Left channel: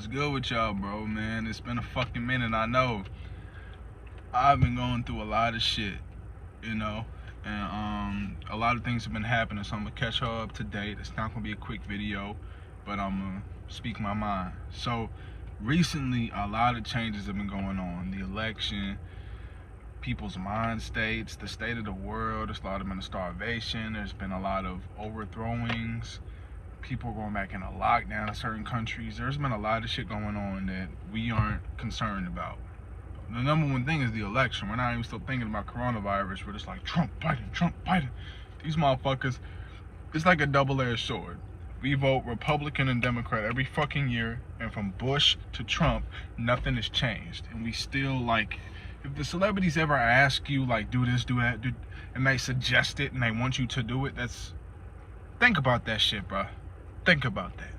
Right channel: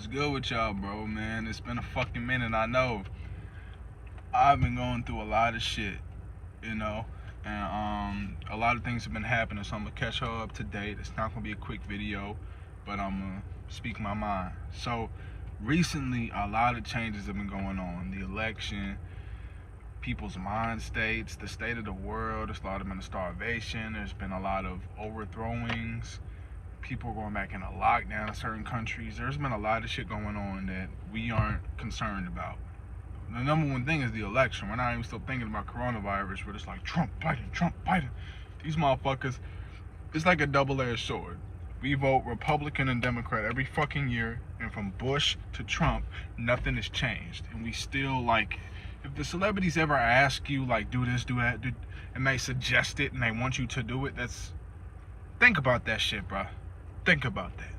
What's good with y'all, bro, man? It's been a fucking minute. I know I've been going through a lot of shit, you know, and a lot of things have been happening, so I'm gonna catch y'all up to date. It's not gonna be a quick video, but I'm gonna speak my mind. So recently, a lot of changes have been going on. The election, people's mind states, the state of the world. There's a lot of been starvation. There's been a lot of overthrowings. People going back into lockdown in certain countries. There's been a lot of shit going on that we aren't concerned about. The number one thing is the election. We're not even still thinking about coronavirus. We're just like, Trump, Biden. These motherfuckers, it's like a double-edged sword. We vote Republican and Democrat every fucking year, and from Bush to Trump, nothing has changed. And we still, like, if the celebrities ever ask you, like, do this, do that, and they suggest it and they want you to do it, think about that shit, bro. Think about that.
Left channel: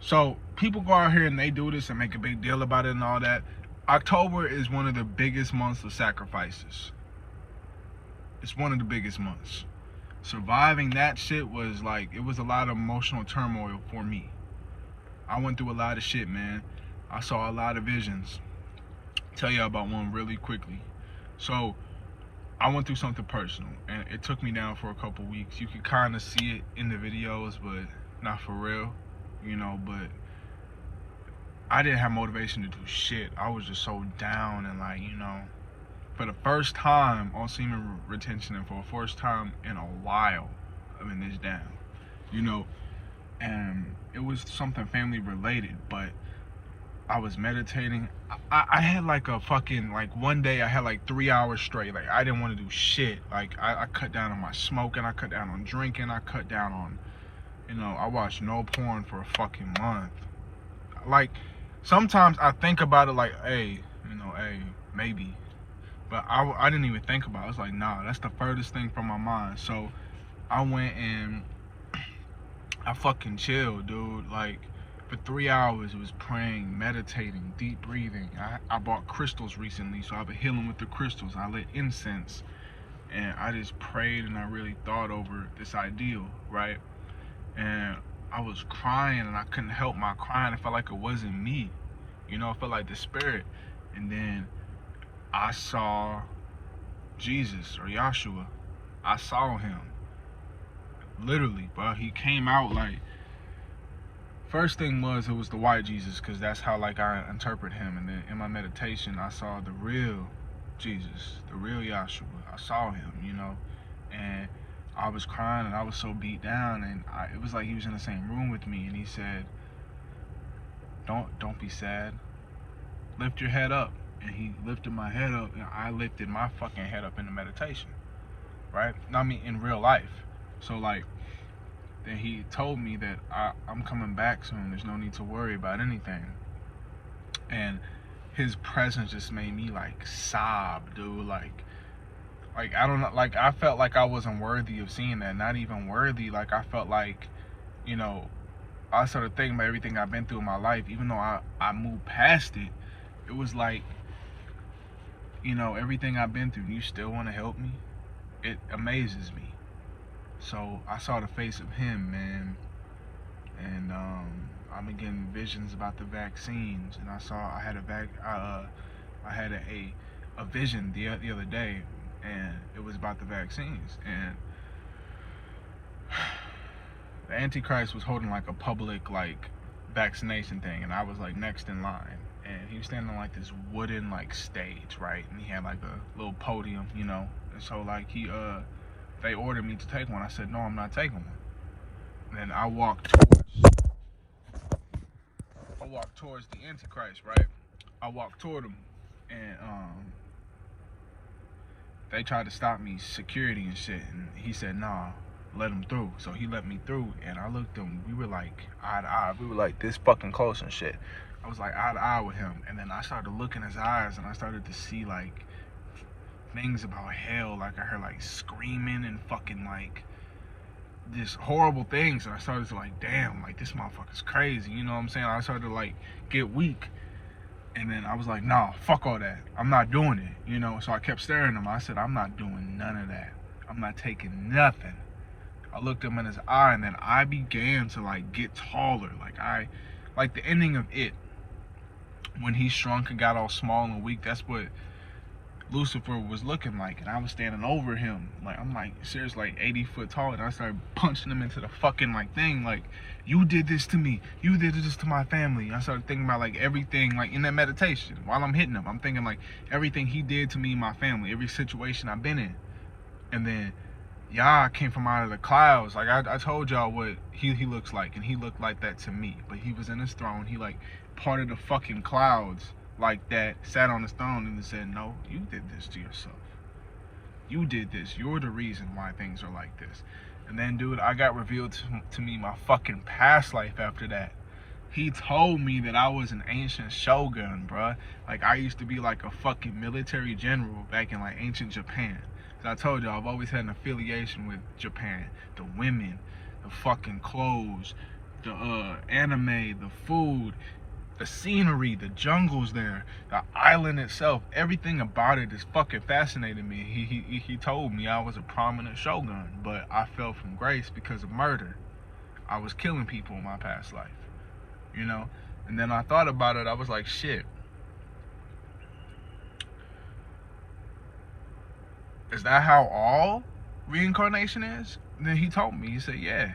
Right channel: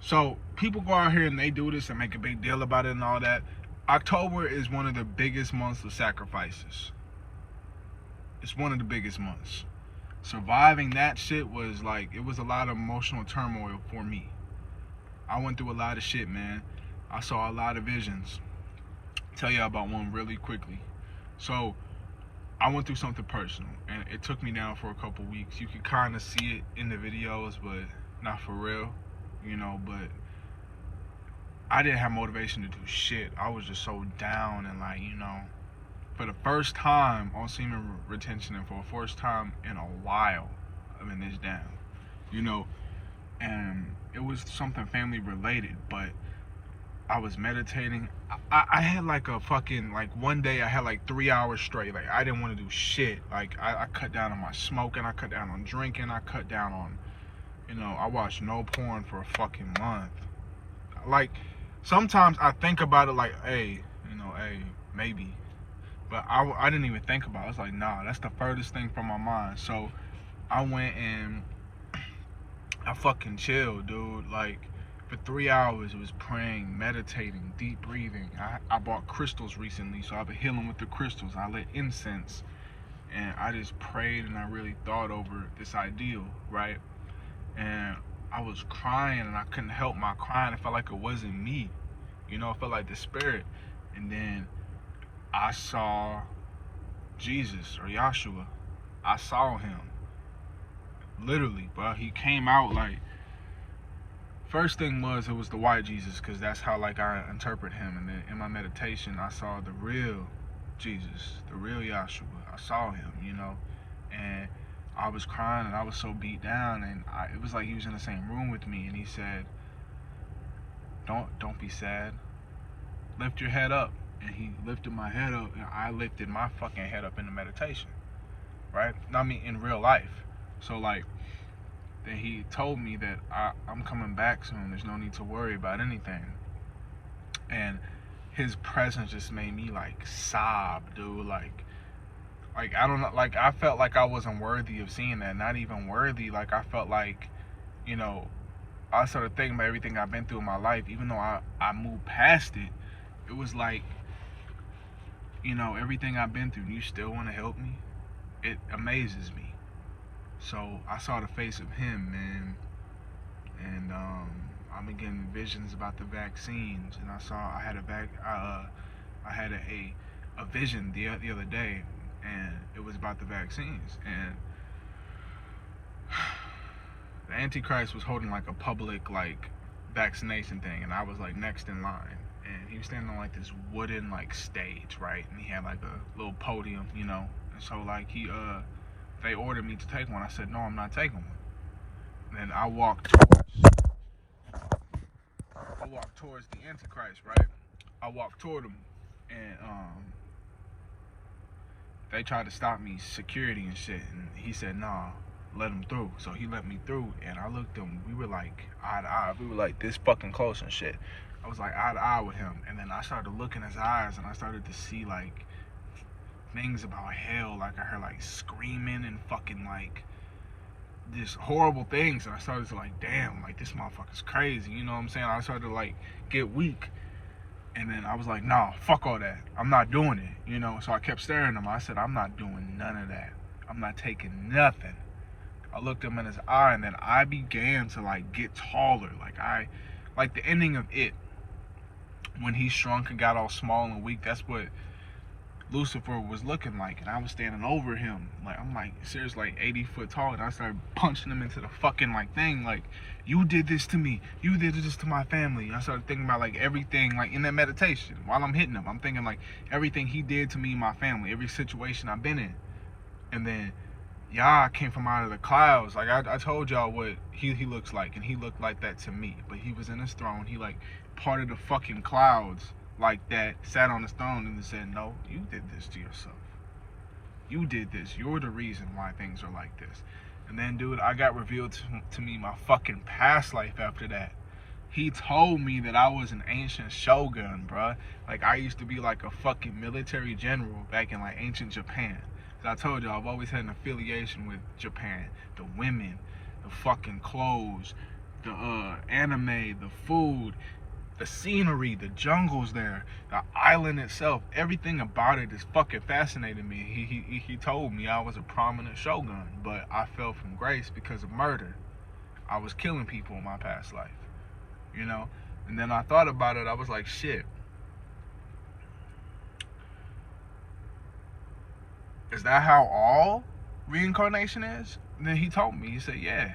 So people go out here and they do this and make a big deal about it and all that. October is one of the biggest months of sacrifices. It's one of the biggest months. Surviving that shit was like, it was a lot of emotional turmoil for me. I went through a lot of shit, man. I saw a lot of visions. Tell y'all about one really quickly. So I went through something personal, and it took me down for a couple weeks. You could kind of see it in the videos, but not for real, you know. But I didn't have motivation to do shit. I was just so down, and like, you know, for the first time on semen retention, and for the first time in a while, I've been this down, you know. And it was something family related, but I was meditating. I had like a fucking, like one day I had like 3 hours straight. Like I didn't want to do shit. Like I cut down on my smoking. I cut down on drinking. I cut down on, you know, I watched no porn for a fucking month. Like sometimes I think about it like, hey, you know, hey, maybe. But I didn't even think about it. I was like, nah, that's the furthest thing from my mind. So I went and I fucking chilled, dude. Like, for 3 hours, it was praying, meditating, deep breathing. I bought crystals recently, so I've been healing with the crystals. I lit incense, and I just prayed, and I really thought over this ideal, right? And I was crying, and I couldn't help my crying. It felt like it wasn't me, you know. It felt like the spirit. And then I saw Jesus, or Yahshua. I saw him, literally, bro. He came out like, first thing was, it was the white Jesus, because that's how like I interpret him. And then in my meditation, I saw the real Jesus, the real Yahshua. I saw him, you know, and I was crying, and I was so beat down, and it was like he was in the same room with me, and he said, don't be sad, lift your head up. And he lifted my head up, and I lifted my fucking head up in the meditation, right? I mean, in real life. So like, then he told me that I'm coming back soon. There's no need to worry about anything. And his presence just made me like sob, dude. Like I don't know, like I felt like I wasn't worthy of seeing that. Not even worthy. Like I felt like, you know, I started thinking about everything I've been through in my life. Even though I moved past it, it was like, you know, everything I've been through, you still want to help me? It amazes me. So I saw the face of him, man, and I've been getting visions about the vaccines, and I had a vision the other day, and it was about the vaccines, and the Antichrist was holding like a public like vaccination thing, and I was like next in line, and he was standing on like this wooden like stage, right, and he had like a little podium, you know, and so like they ordered me to take one. I said, no, I'm not taking one. And I walked towards the Antichrist, right? I walked toward him, and they tried to stop me, security and shit, and he said, nah, let him through. So he let me through, and I looked at him. We were like eye to eye. We were like this fucking close and shit. I was like eye to eye with him, and then I started to look in his eyes, and I started to see like things about hell. Like I heard like screaming and fucking like just horrible things, and I started to like, damn, like this motherfucker's crazy, you know what I'm saying? I started to like get weak, and then I was like, nah, fuck all that, I'm not doing it, you know. So I kept staring at him. I said, I'm not doing none of that, I'm not taking nothing. I looked him in his eye, and then I began to like get taller. Like I like the ending of It, when he shrunk and got all small and weak. That's what Lucifer was looking like, and I was standing over him, like, I'm like, seriously, like 80 foot tall, and I started punching him into the fucking like thing, like, you did this to me, you did this to my family. I started thinking about like everything, like in that meditation while I'm hitting him, I'm thinking like everything he did to me and my family, every situation I've been in. And then Yah came from out of the clouds. Like I told y'all what he looks like, and he looked like that to me, but he was in his throne. He like parted the fucking clouds like that, sat on his throne, and said, no, you did this to yourself. You did this. You're the reason why things are like this. And then, dude, I got revealed to me my fucking past life after that. He told me that I was an ancient shogun, bruh. Like, I used to be like a fucking military general back in like ancient Japan. So I told y'all, I've always had an affiliation with Japan. The women, the fucking clothes, the anime, the food, the scenery, the jungles there, the island itself, everything about it is fucking fascinating me. He told me I was a prominent shogun, but I fell from grace because of murder. I was killing people in my past life, you know? And then I thought about it, I was like, shit. Is that how all reincarnation is? And then he told me, he said, yeah.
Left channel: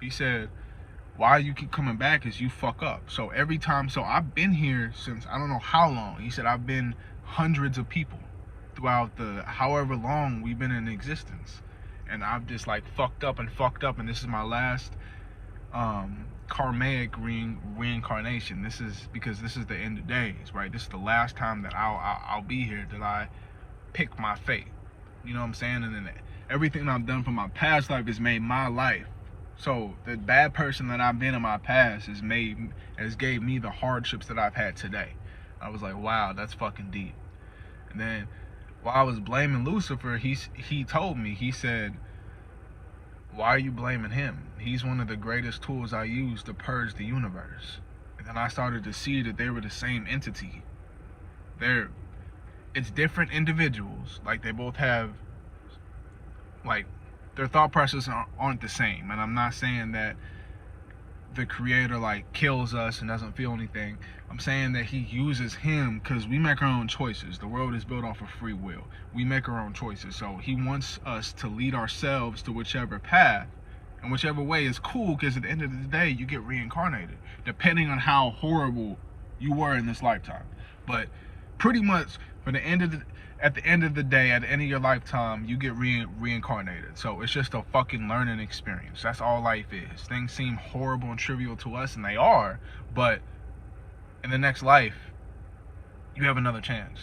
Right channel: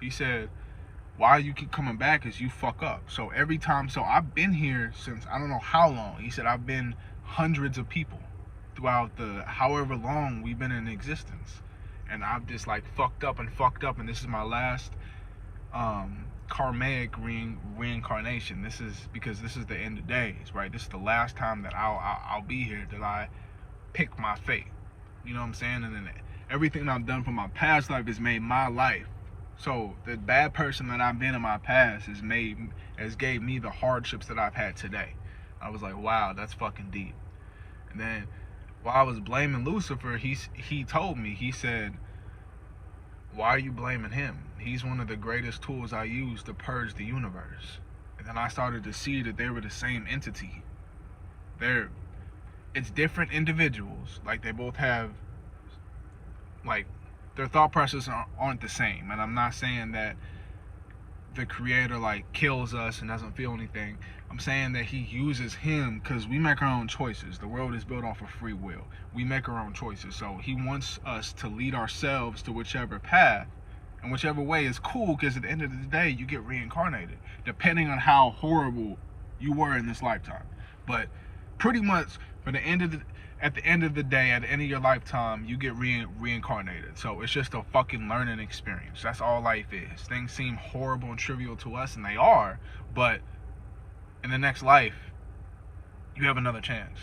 He said, why you keep coming back is you fuck up. So every time, so I've been here since I don't know how long. He said I've been hundreds of people throughout the however long we've been in existence. And I've just like fucked up, and this is my last karmic reincarnation. This is because this is the end of days, right? This is the last time that I'll be here, that I pick my fate. You know what I'm saying? And then everything I've done from my past life has made my life. So the bad person that I've been in my past has gave me the hardships that I've had today. I was like, wow, that's fucking deep. And then while I was blaming Lucifer, he told me, he said, why are you blaming him? He's one of the greatest tools I use to purge the universe. And then I started to see that they were the same entity. It's different individuals. Like, they both have, like, their thought processes aren't the same. And I'm not saying that the creator like kills us and doesn't feel anything. I'm saying that he uses him because we make our own choices. The world is built off of free will. We make our own choices. So he wants us to lead ourselves to whichever path, and whichever way is cool, because at the end of the day, you get reincarnated, depending on how horrible you were in this lifetime. But pretty much at the end of the day, at the end of your lifetime, you get reincarnated. So it's just a fucking learning experience. That's all life is. Things seem horrible and trivial to us, and they are, but in the next life, you have another chance,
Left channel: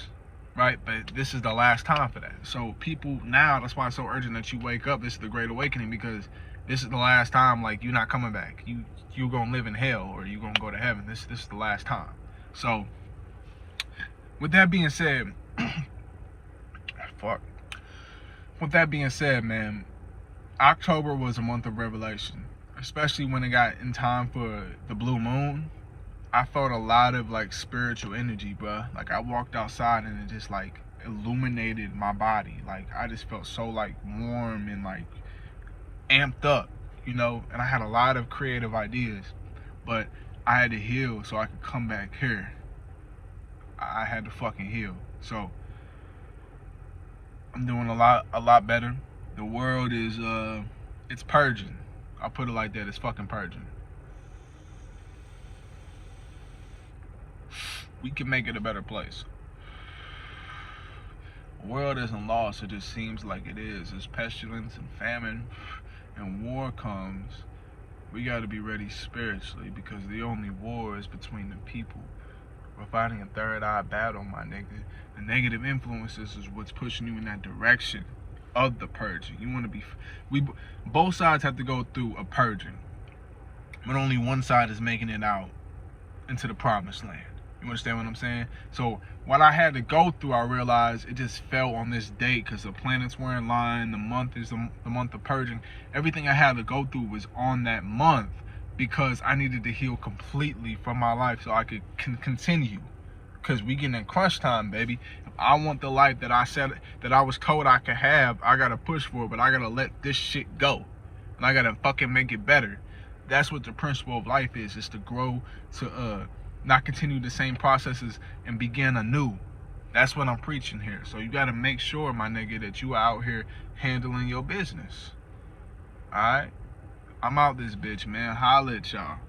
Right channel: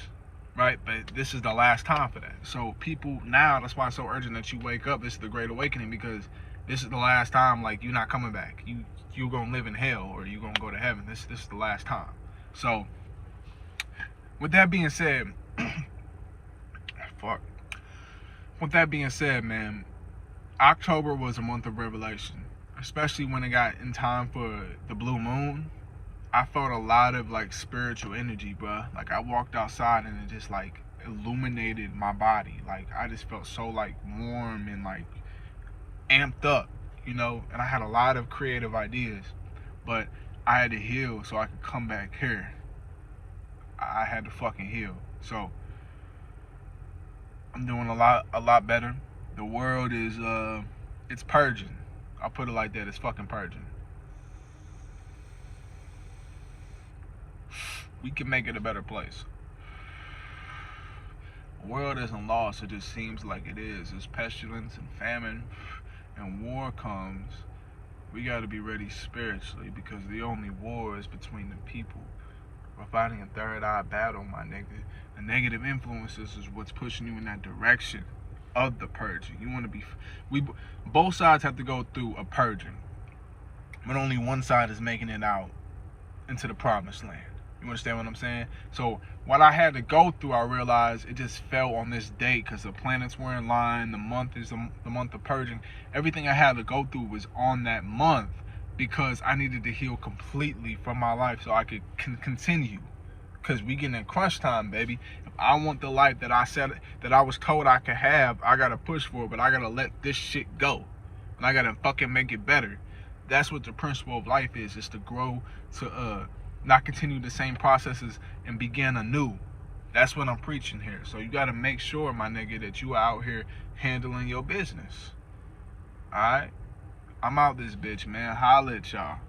right? But this is the last time for that. So people now, that's why it's so urgent that you wake up. This is the Great Awakening, because this is the last time. Like, you're not coming back. You're gonna live in hell, or you're gonna go to heaven. This is the last time. So with that being said, with that being said, man, October was a month of revelation, especially when it got in time for the blue moon. I felt a lot of like spiritual energy, bruh. Like, I walked outside and it just like illuminated my body. Like, I just felt so like warm and like amped up, you know. And I had a lot of creative ideas, but I had to heal so I could come back here. I had to fucking heal. So I'm doing a lot better. The world is it's purging. I'll put it like that. It's fucking purging. We can make it a better place. The world isn't lost, it just seems like it is. As pestilence and famine and war comes, we gotta be ready spiritually, because the only war is between the people. We're fighting a third eye battle, my nigga. The negative influences is what's pushing you in that direction of the purging. You want to be, both sides have to go through a purging, but only one side is making it out into the promised land. You understand what I'm saying? So what I had to go through, I realized it just fell on this date because the planets were in line. The month is the month of purging. Everything I had to go through was on that month, because I needed to heal completely from my life so I could continue. Because we getting in crunch time, baby. If I want the life that I said, that I was told I could have, I gotta push for it, but I gotta let this shit go. And I gotta fucking make it better. That's what the principle of life is to grow, to not continue the same processes and begin anew. That's what I'm preaching here. So you got to make sure, my nigga, that you out here handling your business. All right? I'm out this bitch, man. Holla at y'all.